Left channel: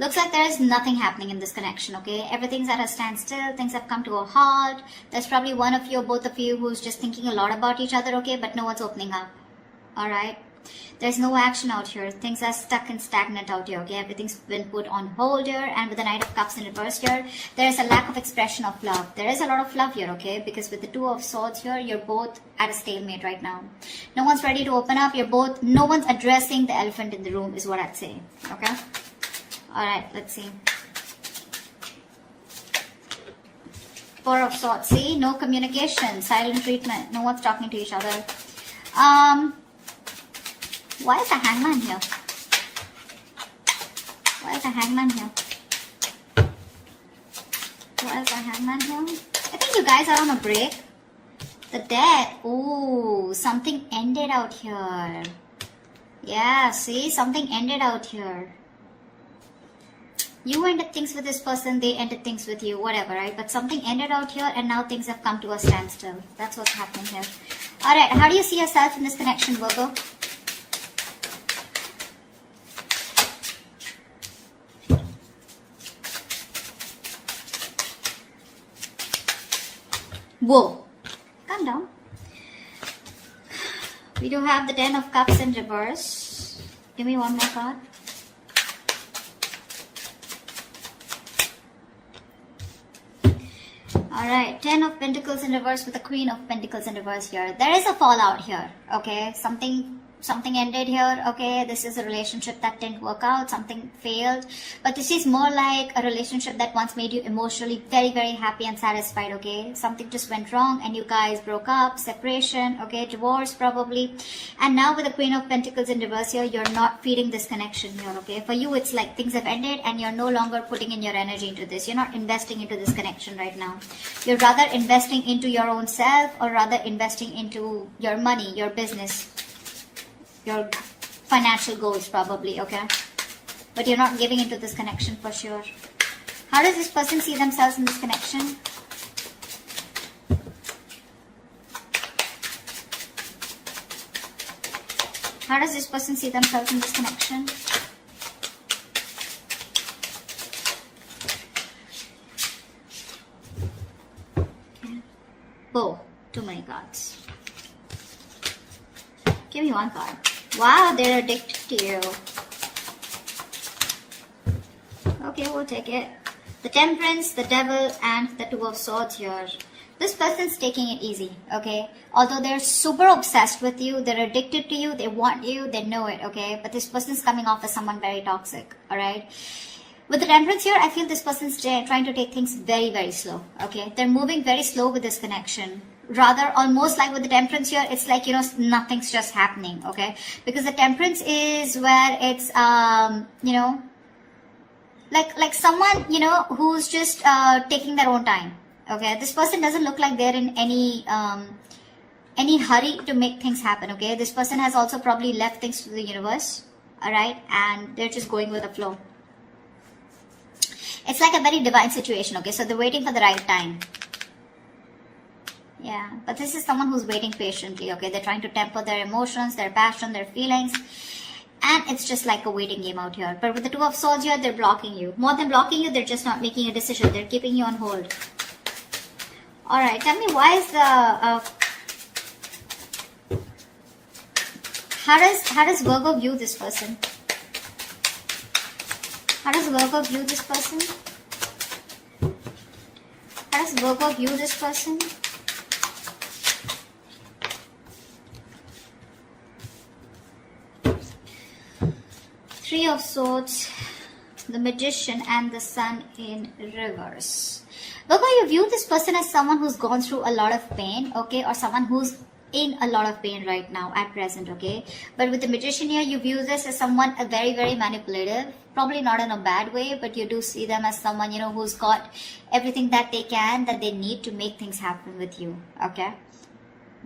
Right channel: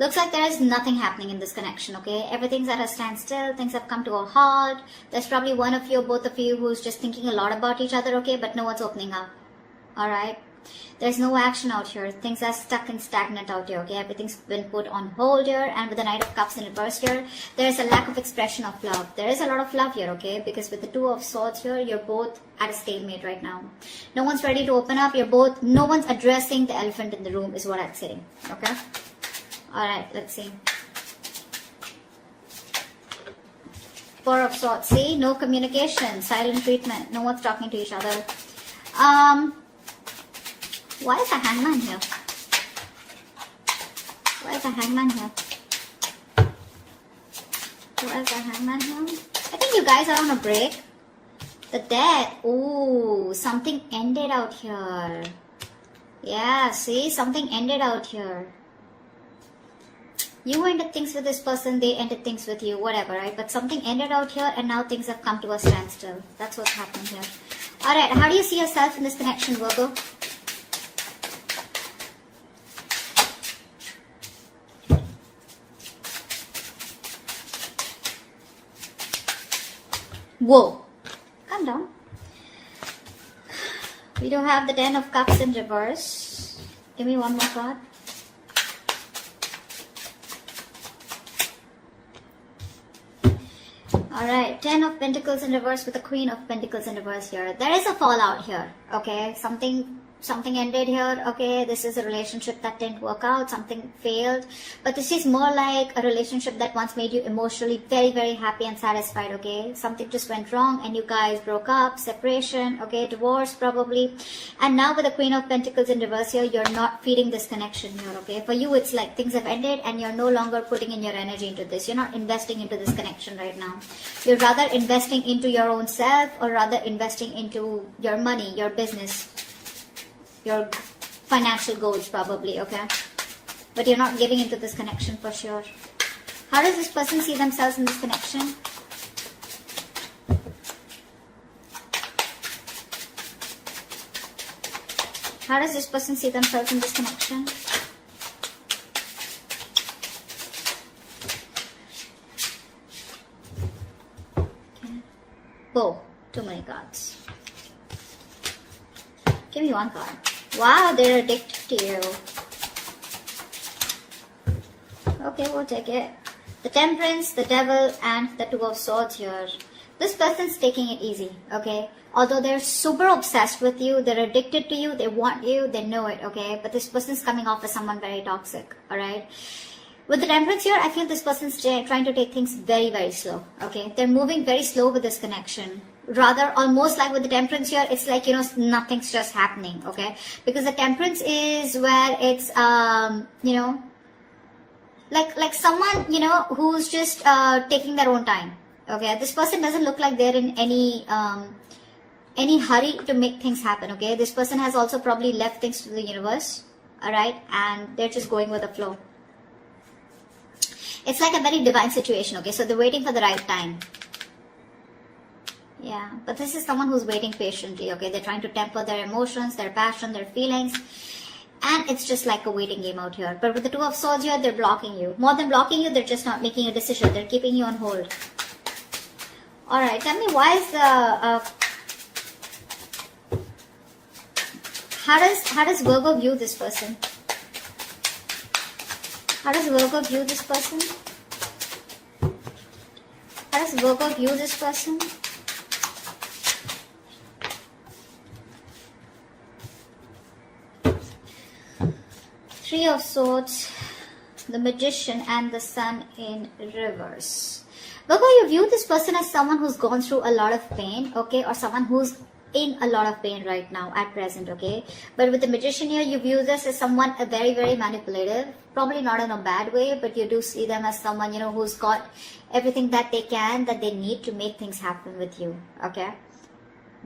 Looks like there is nothing happening in this connection, okay? Everything's at a standstill. Things have come to a halt. There's probably one of you or both of you who's just thinking a lot about each other, okay? But no one's opening up, alright? There's no action out here. Things are stuck and stagnant out here, okay? Everything's been put on hold here. And with the Knight of Cups in reverse here, there is a lack of expression of love. There is a lot of love here, okay? Because with the Two of Swords here, you're both at a stalemate right now. No one's ready to open up. No one's addressing the elephant in the room is what I'd say, okay? Alright, let's see. Four of Swords. See? No communication. Silent treatment. No one's talking to each other. Why is the Hangman here? Why is the Hangman here? Why is the Hangman here? I think you guys are on a break. The Death. Ooh, something ended out here. Yeah, see? Something ended out here. You ended things with this person, they ended things with you, whatever, right? But something ended out here and now things have come to a standstill. That's what's happening here. Alright, how do you see yourself in this connection, Virgo? Whoa, calm down. We do have the Ten of Cups in reverse. Give me one more card. Alright, Ten of Pentacles in reverse with the Queen of Pentacles in reverse here. There is a fallout here, okay? Something ended here, okay? This is a relationship that didn't work out, something failed. But this is more like a relationship that once made you emotionally very, very happy and satisfied, okay? Something just went wrong and you guys broke up, separation, okay? Divorce probably. And now with the Queen of Pentacles in reverse here, you're not feeding this connection here, okay? For you, it's like things have ended and you're no longer putting in your energy into this. You're not investing into this connection right now. You're rather investing into your own self or rather investing into your money, your business, your financial goals probably, okay? But you're not giving into this connection for sure. How does this person see themselves in this connection? How does this person see themselves in this connection? Oh, too many cards. Give me one card. Wow, they're addicted to you. Okay, we'll take it. The Temperance, the Devil, and the Two of Swords here. This person's taking it easy, okay? Although they're super obsessed with you, they're addicted to you, they want you, they know it, okay? But this person's coming off as someone very toxic, alright? With the Temperance here, I feel this person's trying to take things very, very slow, okay? They're moving very slow with this connection. Rather, almost like with the Temperance here, it's like, you know, nothing's just happening, okay? Because the Temperance is where it's, you know, like someone, you know, who's just taking their own time, okay? This person doesn't look like they're in any hurry to make things happen, okay? This person has also probably left things to the universe, alright? And they're just going with the flow. It's like a very divine situation, okay? So they're waiting for the right time. Yeah, but this is someone who's waiting patiently, okay? They're trying to temper their emotions, their passion, their feelings. And it's just like a waiting game out here. But with the Two of Swords here, they're blocking you. More than blocking you, they're just not making a decision. They're keeping you on hold. Alright, tell me why is the... How does Virgo view this person? How does Virgo view this person? How does Virgo view this person? Three of Swords, the Magician, and the Sun in reverse. Virgo, you view this person as someone who's gone through a lot of pain, okay? Or someone who's in a lot of pain right now at present, okay? But with the Magician here, you view this as someone very, very manipulative. Probably not in a bad way, but you do see them as someone, you know, who's got everything that they can, that they need to make things happen with you, okay?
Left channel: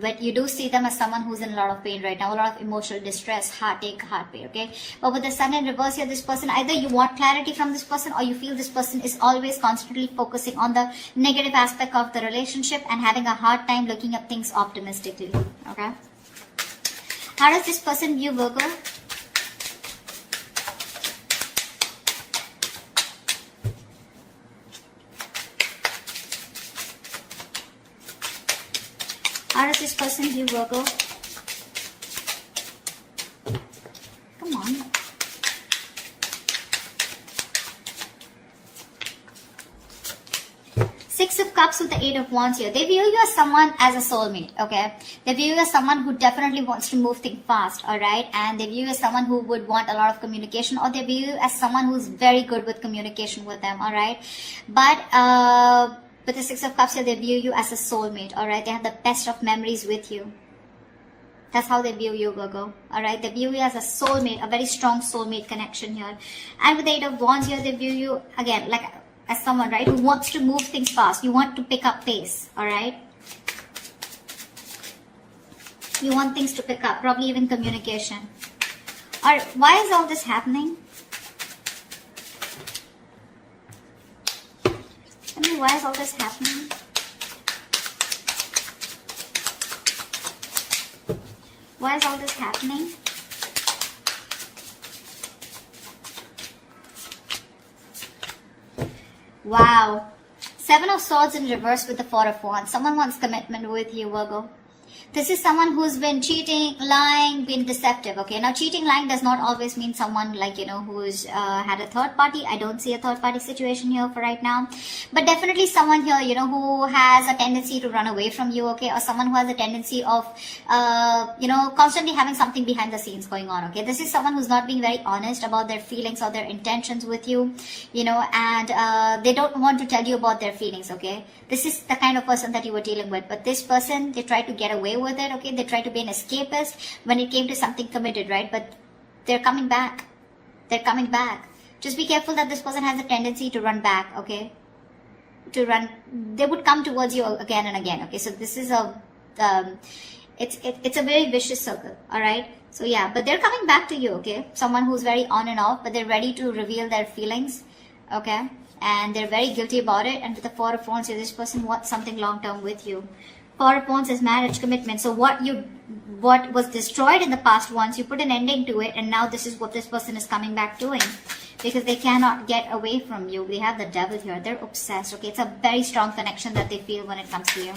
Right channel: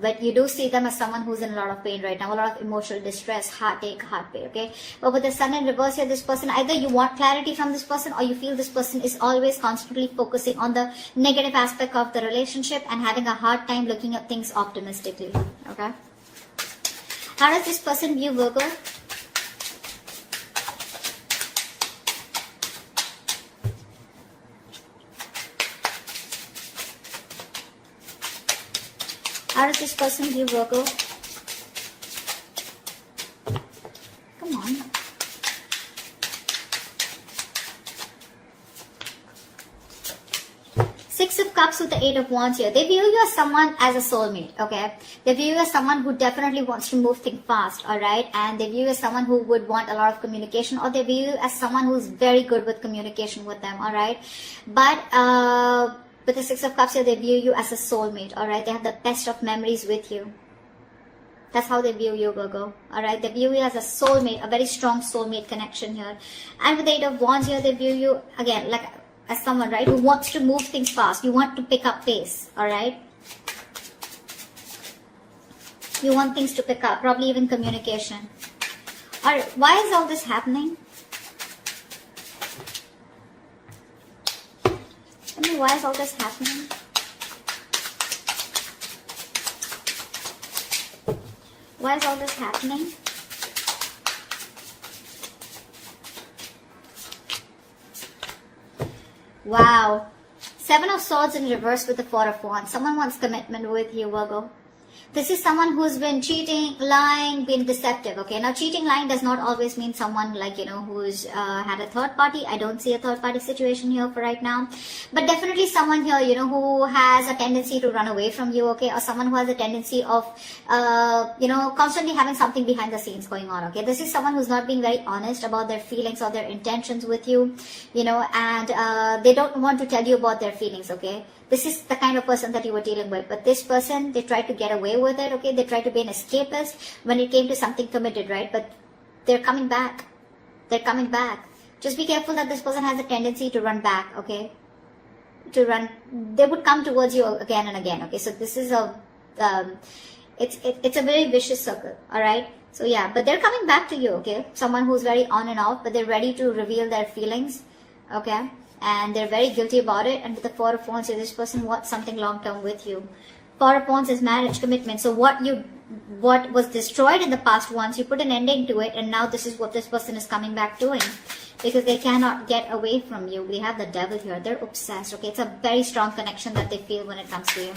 But you do see them as someone who's in a lot of pain right now, a lot of emotional distress, heartache, heart pain, okay? But with the Sun in reverse here, this person, either you want clarity from this person or you feel this person is always constantly focusing on the negative aspect of the relationship and having a hard time looking at things optimistically, okay? How does this person view Virgo? does this person view Virgo? Come on. Six of Cups with the Eight of Wands here. They view you as someone as a soulmate, okay? They view you as someone who definitely wants to move things fast, alright? And they view you as someone who would want a lot of communication, or they view you as someone who's very good with communication with them, alright? But with the Six of Cups here, they view you as a soulmate, alright? They have the best of memories with you. That's how they view you, Virgo. Alright, they view you as a soulmate, a very strong soulmate connection here. And with the Eight of Wands here, they view you, again, like as someone, right, who wants to move things fast. You want to pick up pace, alright? You want things to pick up, probably even communication. Alright, why is all this happening? Why is all this happening? Why is all this happening? Wow. Seven of Swords in reverse with the Four of Wands. Someone wants commitment with you, Virgo. This is someone who's been cheating, lying, been deceptive, okay? Now, cheating, lying does not always mean someone like, you know, who's had a third party. I don't see a third party situation here for right now. But definitely someone here, you know, who has a tendency to run away from you, okay? Or someone who has a tendency of, you know, constantly having something behind the scenes going on, okay? This is someone who's not being very honest about their feelings or their intentions with you, you know, and they don't want to tell you about their feelings, okay? This is the kind of person that you were dealing with. But this person, they tried to get away with it, okay? They tried to be an escapist when it came to something committed, right? But they're coming back. They're coming back. Just be careful that this person has a tendency to run back, okay? To run. They would come towards you again and again, okay? So this is a, it's a very vicious circle, all right? So yeah, but they're coming back to you, okay? Someone who's very on and off, but they're ready to reveal their feelings, okay? And they're very guilty about it. And with the Four of Wands, this person wants something long-term with you. Four of Wands is marriage, commitment. So what was destroyed in the past once, you put an ending to it, and now this is what this person is coming back doing. Because they cannot get away from you. We have the Devil here. They're obsessed, okay? It's a very strong connection that they feel when it comes to you.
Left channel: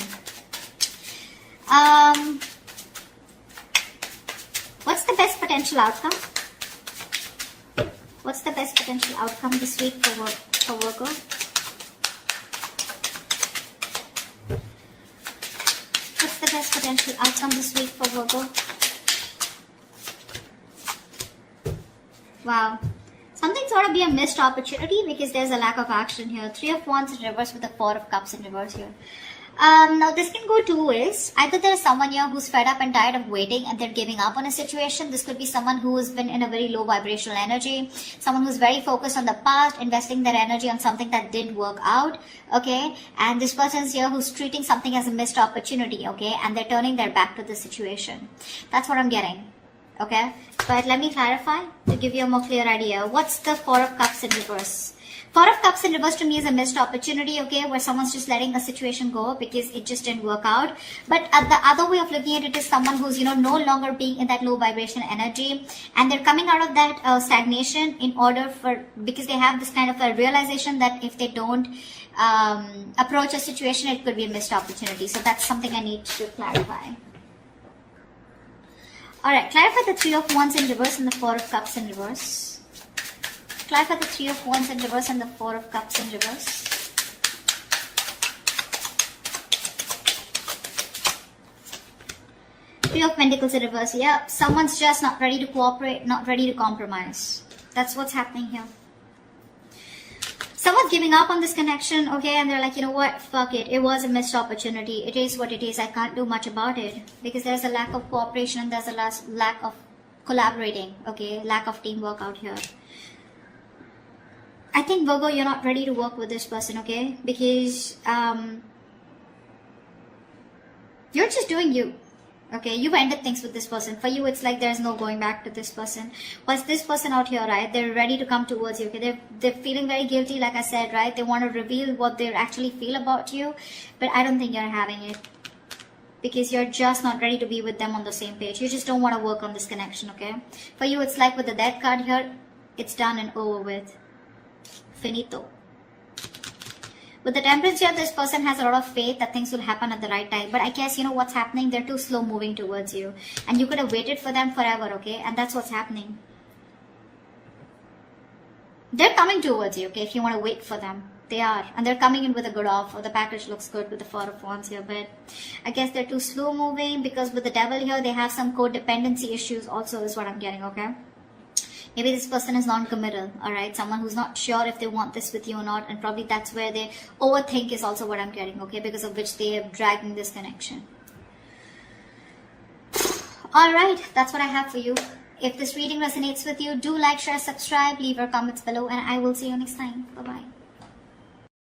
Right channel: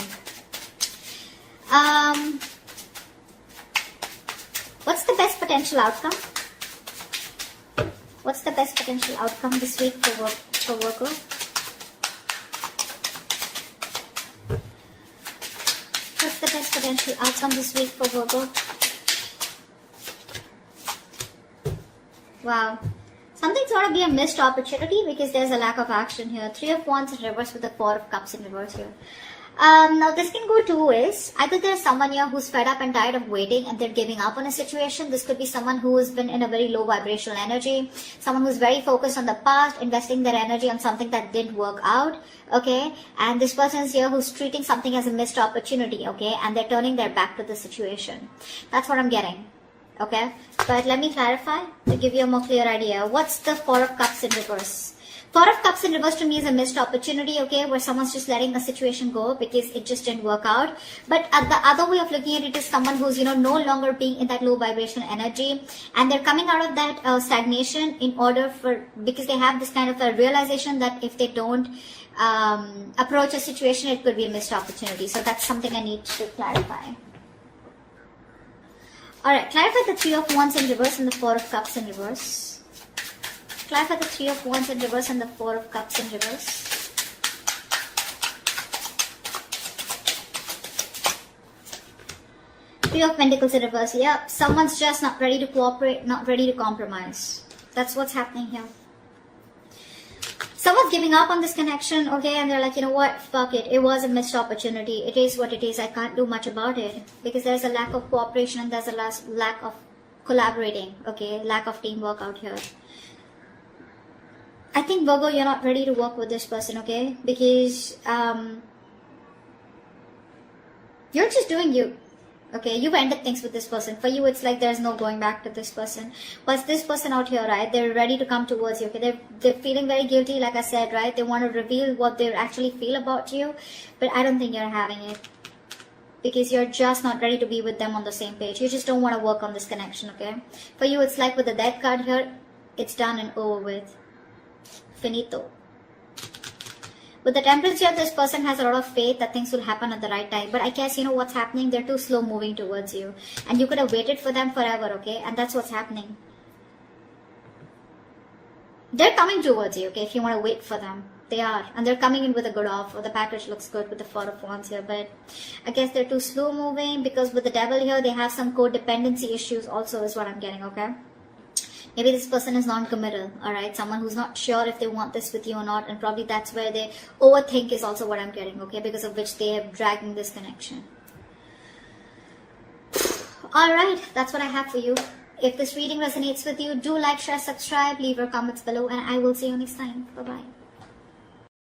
What's the best potential outcome? What's the best potential outcome this week for Virgo? What's the best potential outcome this week for Virgo? Wow. Something's got to be a missed opportunity because there's a lack of action here. Three of Wands in reverse with the Four of Cups in reverse here. Now this can go two ways. Either there's someone here who's fed up and tired of waiting and they're giving up on a situation. This could be someone who's been in a very low vibrational energy. Someone who's very focused on the past, investing their energy on something that didn't work out. Okay. And this person's here who's treating something as a missed opportunity. Okay. And they're turning their back to the situation. That's what I'm getting. Okay. But let me clarify to give you a more clear idea. What's the Four of Cups in reverse? Four of Cups in reverse to me is a missed opportunity, okay, where someone's just letting a situation go because it just didn't work out. But the other way of looking at it is someone who's, you know, no longer being in that low vibration energy, and they're coming out of that stagnation in order for, because they have this kind of a realization that if they don't approach a situation, it could be a missed opportunity. So that's something I need to clarify. Alright, clarify the Three of Wands in reverse and the Four of Cups in reverse. Clarify the Three of Wands in reverse and the Four of Cups in reverse. Three of Pentacles in reverse. Yeah, someone's just not ready to cooperate, not ready to compromise. That's what's happening here. Someone's giving up on this connection, okay, and they're like, you know what, fuck it. It was a missed opportunity. It is what it is. I can't do much about it because there's a lack of cooperation and there's a lack of collaborating, okay, lack of teamwork out here. I think, Virgo, you're not ready to work with this person, okay? Because you're just doing you, okay? You've ended things with this person. For you, it's like there's no going back to this person. But this person out here, right, they're ready to come towards you, okay? They're feeling very guilty, like I said, right? They want to reveal what they actually feel about you. But I don't think you're having it. Because you're just not ready to be with them on the same page. You just don't want to work on this connection, okay? For you, it's like with the Death card here, it's done and over with. Finito. With the Temperance here, this person has a lot of faith that things will happen at the right time. But I guess, you know what's happening? They're too slow moving towards you. And you could have waited for them forever, okay? And that's what's happening. They're coming towards you, okay? If you want to wait for them. They are. And they're coming in with a good offer. The package looks good with the Four of Wands here. But I guess they're too slow moving because with the Devil here, they have some codependency issues also is what I'm getting, okay? Maybe this person is non-committal, alright? Someone who's not sure if they want this with you or not, and probably that's where they overthink is also what I'm getting, okay? Because of which they are dragging this connection. Alright, that's what I have for you. If this reading resonates with you, do like, share, subscribe, leave your comments below, and I will see you next time. Bye-bye.